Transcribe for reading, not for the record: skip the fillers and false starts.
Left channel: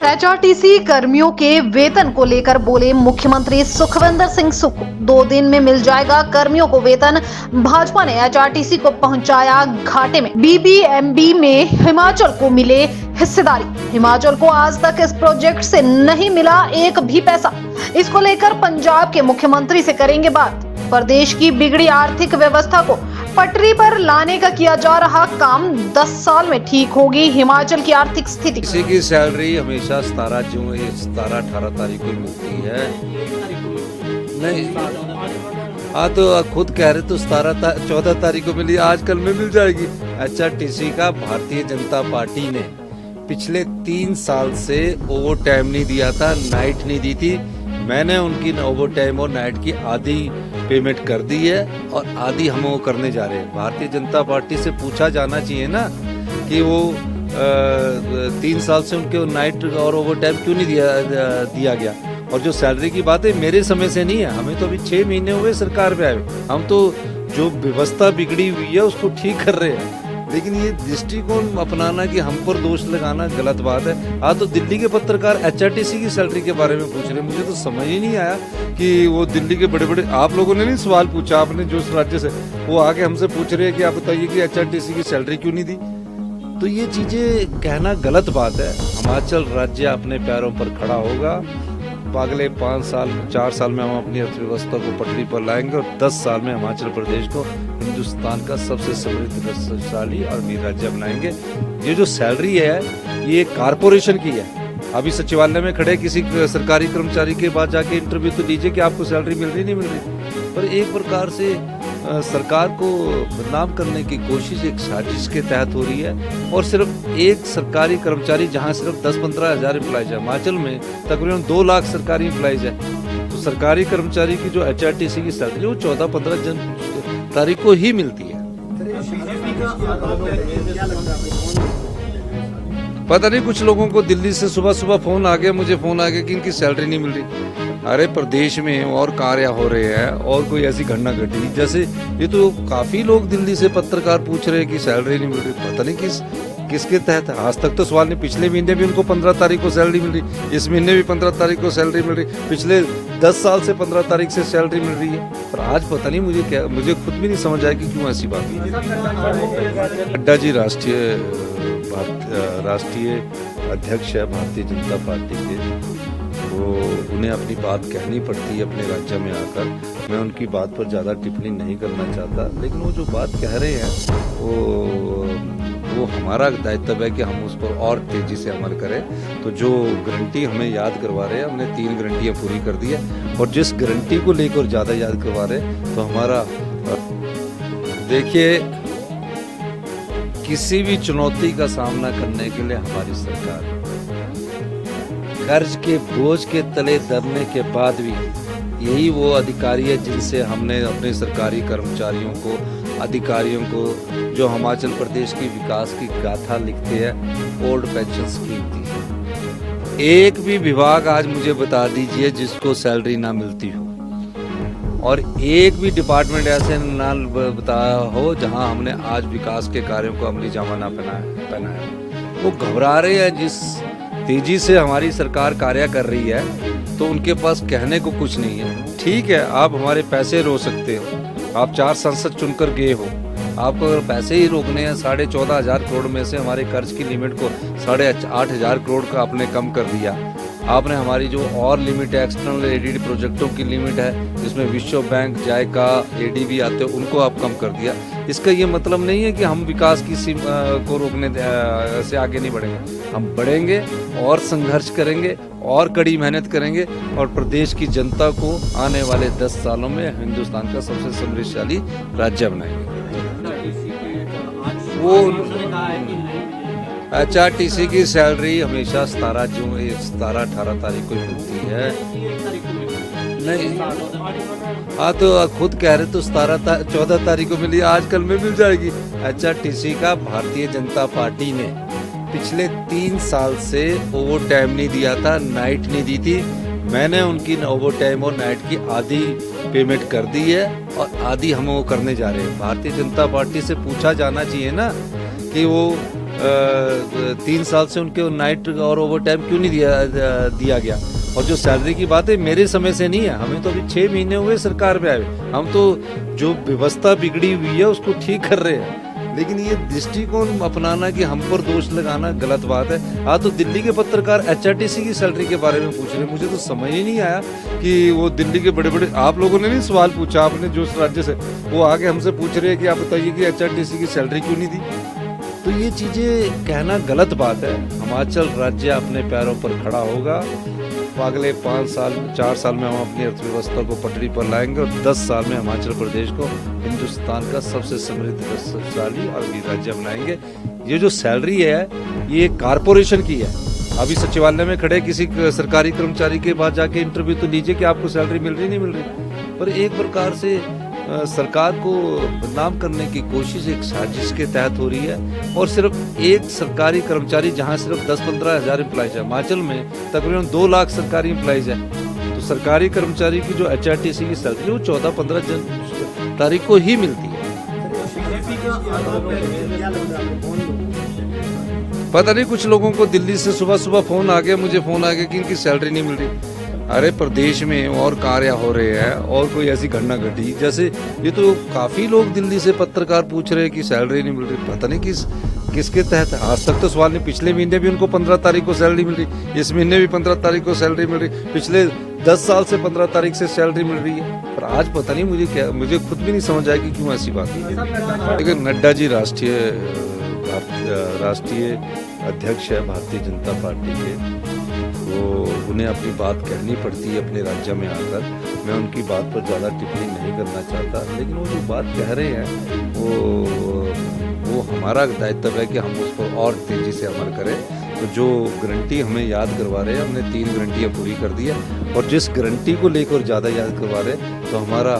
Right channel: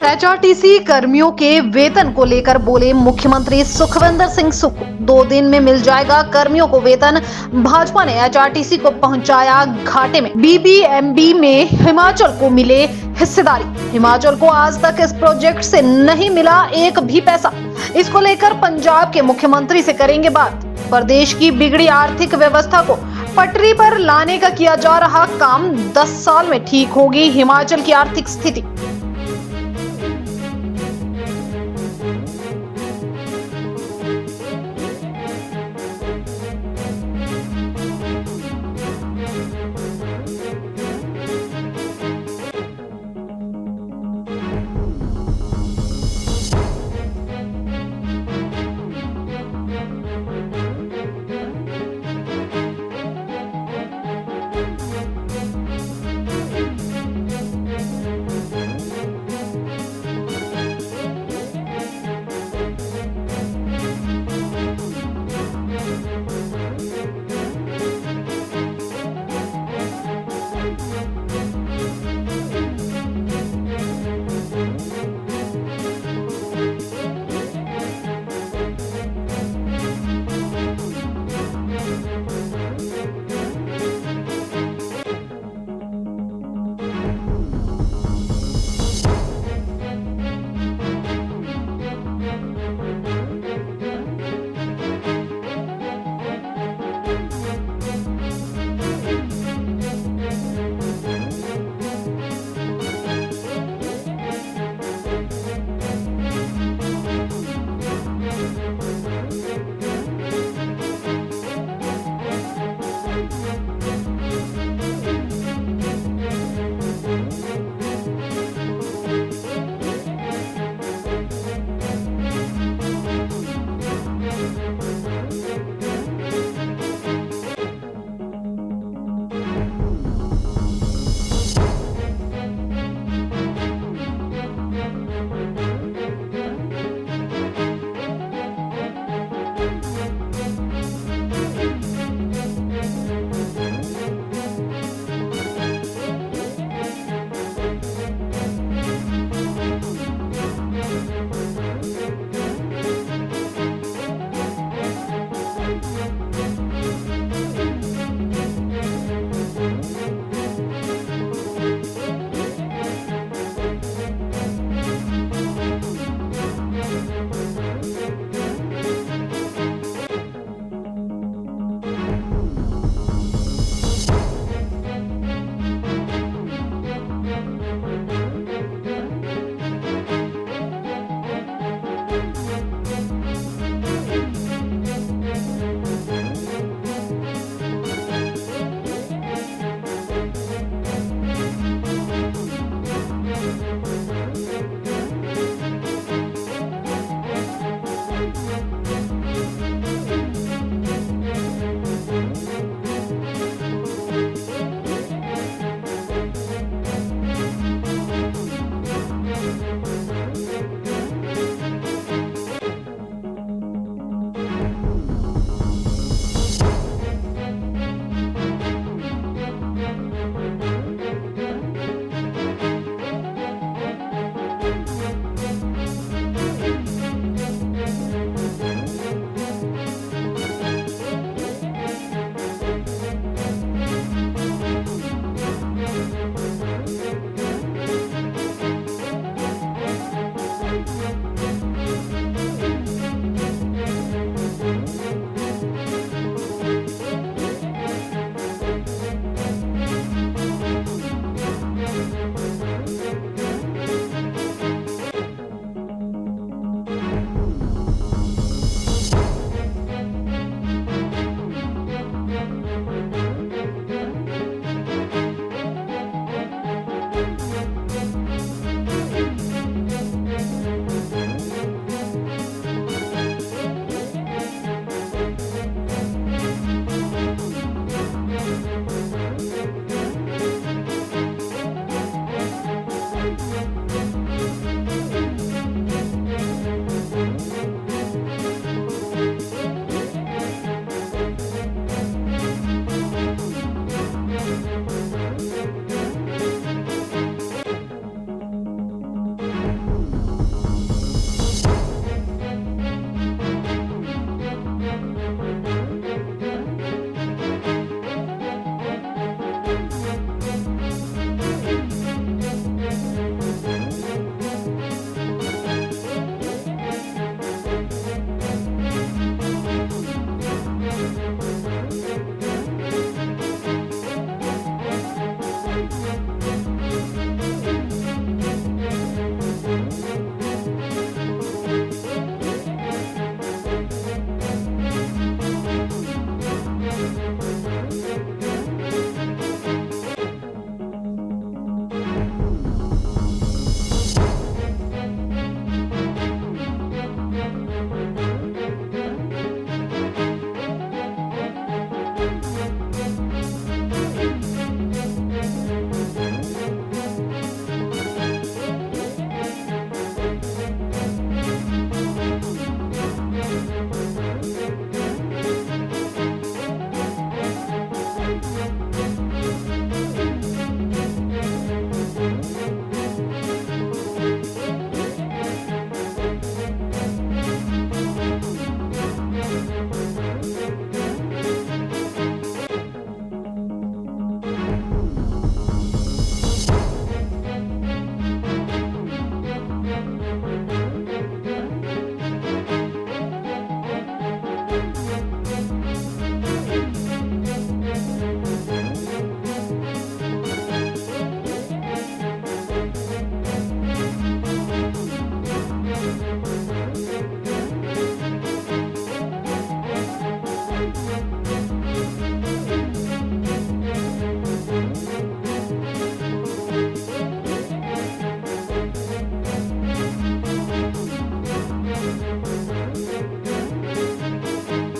HRTC कर्मियों के वेतन को लेकर बोले मुख्यमंत्री सुखविंदर सिंह सुक्खू। 2 दिन में मिल जाएगा कर्मियों को वेतन। भाजपा ने एचआरटीसी को पहुंचाया घाटे में। बीबीएमबी में हिमाचल को मिले हिस्सेदारी। हिमाचल को आज तक इस प्रोजेक्ट से नहीं मिला एक भी पैसा। इसको लेकर पंजाब के मुख्यमंत्री से करेंगे बात। प्रदेश की बिगड़ी आर्थिक व्यवस्था को पटरी पर लाने का किया जा रहा काम। 10 साल में ठीक होगी हिमाचल की आर्थिक स्थिति। किसी की सैलरी हमेशा 17-18 तारीख को मिलती है। नहीं, तो खुद कह रहे तो 14 तारीख को मिली, आजकल में मिल जाएगी। एचआरटीसी का भारतीय जनता पार्टी ने पिछले 3 साल से ओवर टाइम नहीं दिया था, नाइट नहीं दी थी। मैंने उनकी ओवर टाइम और नाइट की आधी पेमेंट कर दी है और आधी हम वो करने जा रहे हैं। भारतीय जनता पार्टी से पूछा जाना चाहिए ना कि वो 3 साल से उनके नाइट और ओवर टाइम क्यों नहीं दिया गया। और जो सैलरी की बात है, मेरे समय से नहीं है, हमें तो अभी 6 महीने हुए सरकार में आए। हम तो जो व्यवस्था बिगड़ी हुई है उसको ठीक कर रहे हैं। लेकिन ये दृष्टिकोण अपनाना कि हम पर दोष लगाना गलत बात है। आज तो दिल्ली के पत्रकार एचआरटीसी की सैलरी के बारे में पूछ रहे, मुझे तो समझ ही नहीं आया कि वो दिल्ली के बड़े बड़े, आप लोगों ने नहीं सवाल पूछा, आपने जो राज्य से वो आके हमसे पूछ रहे हैं कि आप बताइए कि एचआरटीसी की सैलरी क्यों नहीं दी। तो ये चीजें कहना गलत बात है। हिमाचल राज्य अपने पैरों पर खड़ा होगा। अगले 5 साल 4 साल में हम अपनी अर्थव्यवस्था को पटरी पर लाएंगे और 10 साल में हिमाचल प्रदेश को हिंदुस्तान का सबसे समृद्धशाली आर्थिक राज्य बनाएंगे। ये जो सैलरी है ये कारपोरेशन की है। अभी सचिवालय में खड़े किसी सरकारी कर्मचारी के पास जाके इंटरव्यू तो दीजिए कि आपको सैलरी मिल रही नहीं मिल रही। पर एक प्रकार से सरकार को बदनाम करने की कोशिश एक साजिश के तहत हो रही है। और सिर्फ एक सरकारी कर्मचारी, जहां सिर्फ 10-15 हज़ार एम्प्लॉइज है, हिमाचल में तकरीबन 2 लाख सरकारी एम्प्लॉइज है। तो सरकारी कर्मचारी की जो एचआरटीसी की सैलरी वो 14-15 तारीख को ही मिलती है। पता नहीं, कुछ लोगों को दिल्ली से सुबह सुबह मुझे फोन आ गया कि इनकी सैलरी नहीं मिल रही। अरे प्रदेश में और कार्य हो रहे हैं और कोई ऐसी घटना घटी जैसे ये, तो काफी लोग दिल्ली से पत्रकार पूछ रहे हैं कि सैलरी नहीं मिल रही। पता नहीं किसके तहत। आज तक तो सवाल नहीं। पिछले महीने भी उनको 15 तारीख को सैलरी मिल रही, इस महीने भी 15 तारीख को सैलरी मिल रही, पिछले 10 साल से 15 तारीख से सैलरी मिल रही है। पर आज पता नहीं मुझे खुद भी नहीं समझ आया कि क्यों ऐसी बात है। नड्डा जी राष्ट्रीय अध्यक्ष है भारतीय जनता पार्टी के, तो उन्हें अपनी बात कहनी पड़ती है अपने राज्य में आकर। मैं उनकी बात पर ज़्यादा टिप्पणी नहीं करना चाहता, लेकिन वो जो बात कह रहे हैं वो हमारा दायित्व है कि हम उसको और तेजी से अमल करें। तो जो गारंटी हमें याद करवा रहे हैं, हमने 3 गारंटियाँ पूरी कर दी है। और जिस गारंटी को लेकर ज़्यादा याद करवा रहे हैं तो हमारा, देखिए, किसी भी चुनौती का सामना करने के लिए हमारी सरकार कर्ज के बोझ के तले दबने के बाद भी यही वो अधिकारी है जिनसे हमने अपने सरकारी कर्मचारियों को, अधिकारियों को, जो हिमाचल प्रदेश की विकास की गाथा लिखते हैं, ओल्ड पेंशन स्कीम की। एक भी विभाग आज मुझे बता दीजिए जिसको सैलरी ना मिलती हो, और एक भी डिपार्टमेंट ऐसे ना बता हो जहां हमने आज विकास के कार्यों को अमली जामा ना पहना है। वो घबरा रहे हैं। जिस तेजी से हमारी सरकार कार्य कर रही है तो उनके पास कहने को कुछ नहीं है। ठीक है, आप हमारे पैसे रो सकते हो, आप 4 संसद चुनकर गए हो, आप पैसे ही रोकने हैं। 14,500 करोड़ में से हमारे कर्ज की लिमिट को 8,500 करोड़ का आपने कम कर दिया। आपने हमारी जो और लिमिट है, एक्सटर्नल एडीडी प्रोजेक्टों की लिमिट है, जिसमें विश्व बैंक, जायका, एडीबी आते हैं, उनको आप कम कर दिया। इसका ये मतलब नहीं है कि हम विकास की सीमा को रोकने से आगे नहीं बढ़ेंगे। हम बढ़ेंगे और संघर्ष करेंगे और कड़ी मेहनत करेंगे और प्रदेश की जनता को आने वाले 10 सालों में हिंदुस्तान का सबसे समृद्धशाली राज्य बनाएंगे। वो एचआरटीसी की सैलरी हमेशा 17-18 तारीख को मिलती है। नहीं, तो खुद कह रहे तो 14 तारीख को मिली, आजकल में मिल जाएगी। एचआरटीसी का भारतीय जनता पार्टी ने पिछले 3 साल से ओवर टाइम नहीं दिया था, नाइट नहीं दी थी। मैंने उनकी ओवर टाइम और नाइट की आधी पेमेंट कर दी है और आधी हम वो करने जा रहे हैं। भारतीय जनता पार्टी से पूछा जाना चाहिए ना कि वो 3 साल से उनके नाइट और ओवर टाइम क्यों नहीं दिया गया। और जो सैलरी की बात है मेरे समय से नहीं है, हमें तो अभी 6 महीने हुए सरकार पे आए, हम तो जो व्यवस्था बिगड़ी हुई है उसको ठीक कर रहे हैं। लेकिन ये दृष्टिकोण अपनाना कि हम पर दोष लगाना गलत बात है। हाँ, तो दिल्ली के पत्रकार HRTC की सैलरी के बारे में पूछ रहे हैं, मुझे तो समझ ही नहीं आया कि वो दिल्ली के बड़े बड़े, आप लोगों ने नहीं सवाल पूछा, आपने जो राज्य से वो आके हमसे पूछ रहे हैं कि आप बताइए कि HRTC की सैलरी क्यों नहीं दी। तो ये चीज़ें कहना गलत बात है। हिमाचल राज्य अपने पैरों पर खड़ा होगा, अगले 5 साल 4 साल में हम अपनी अर्थव्यवस्था को पटरी पर लाएंगे और 10 साल में हिमाचल प्रदेश को हिंदुस्तान का सबसे समृद्धशाली राज्य बनाएंगे। ये जो सैलरी है ये कारपोरेशन की है। अभी सचिवालय में खड़े किसी सरकारी कर्मचारी के पास जाके इंटरव्यू तो लीजिए कि आपको सैलरी मिल रही नहीं मिल रही। पर एक प्रकार से सरकार को बदनाम करने की कोशिश एक साजिश के तहत हो रही है। और सिर्फ एक सरकारी कर्मचारी, जहां सिर्फ 10-15 हज़ार एम्प्लॉइज है, हिमाचल में तकरीबन 2 लाख सरकारी एम्प्लॉइज हैं। तो सरकारी कर्मचारी की जो HRTC की सैलरी वो 14-15 तारीख को ही मिलती है। पता नहीं कुछ लोगों को दिल्ली से सुबह सुबह फोन आ गया, मुझे फोन आ गया कि इनकी सैलरी नहीं मिल रही। अरे प्रदेश में और कार्य हो रहे हैं और कोई ऐसी घटना घटी, जैसे ये तो काफी लोग दिल्ली से पत्रकार पूछ रहे हैं कि सैलरी नहीं मिल रही। पता नहीं किसके तहत। आज तक तो सवाल नहीं, पिछले महीने भी उनको 15 तारीख को सैलरी मिल रही, इस महीने भी 15 तारीख को सैलरी मिल रही, पिछले 10 साल से 15 तारीख से सैलरी मिल रही है। पर आज पता नहीं मुझे खुद भी नहीं समझ आएगी क्यों ऐसी बात है। लेकिन नड्डा जी राष्ट्रीय अध्यक्ष है भारतीय जनता पार्टी के, तो उन्हें अपनी बात करनी पड़ती है अपने राज्य में आकर। मैं उनकी बात पर ज़्यादा टिप्पणी नहीं करना चाहता, लेकिन वो जो बात कह रहे हैं वो हमारा दायित्व है कि हम उसको और तेज़ी से अमल करें। तो जो गारंटी हमें याद करवा रहे हैं, हमने 3 गारंटियाँ पूरी कर दी है और जिस गारंटी को लेकर ज़्यादा याद करवा रहे हैं तो हमारा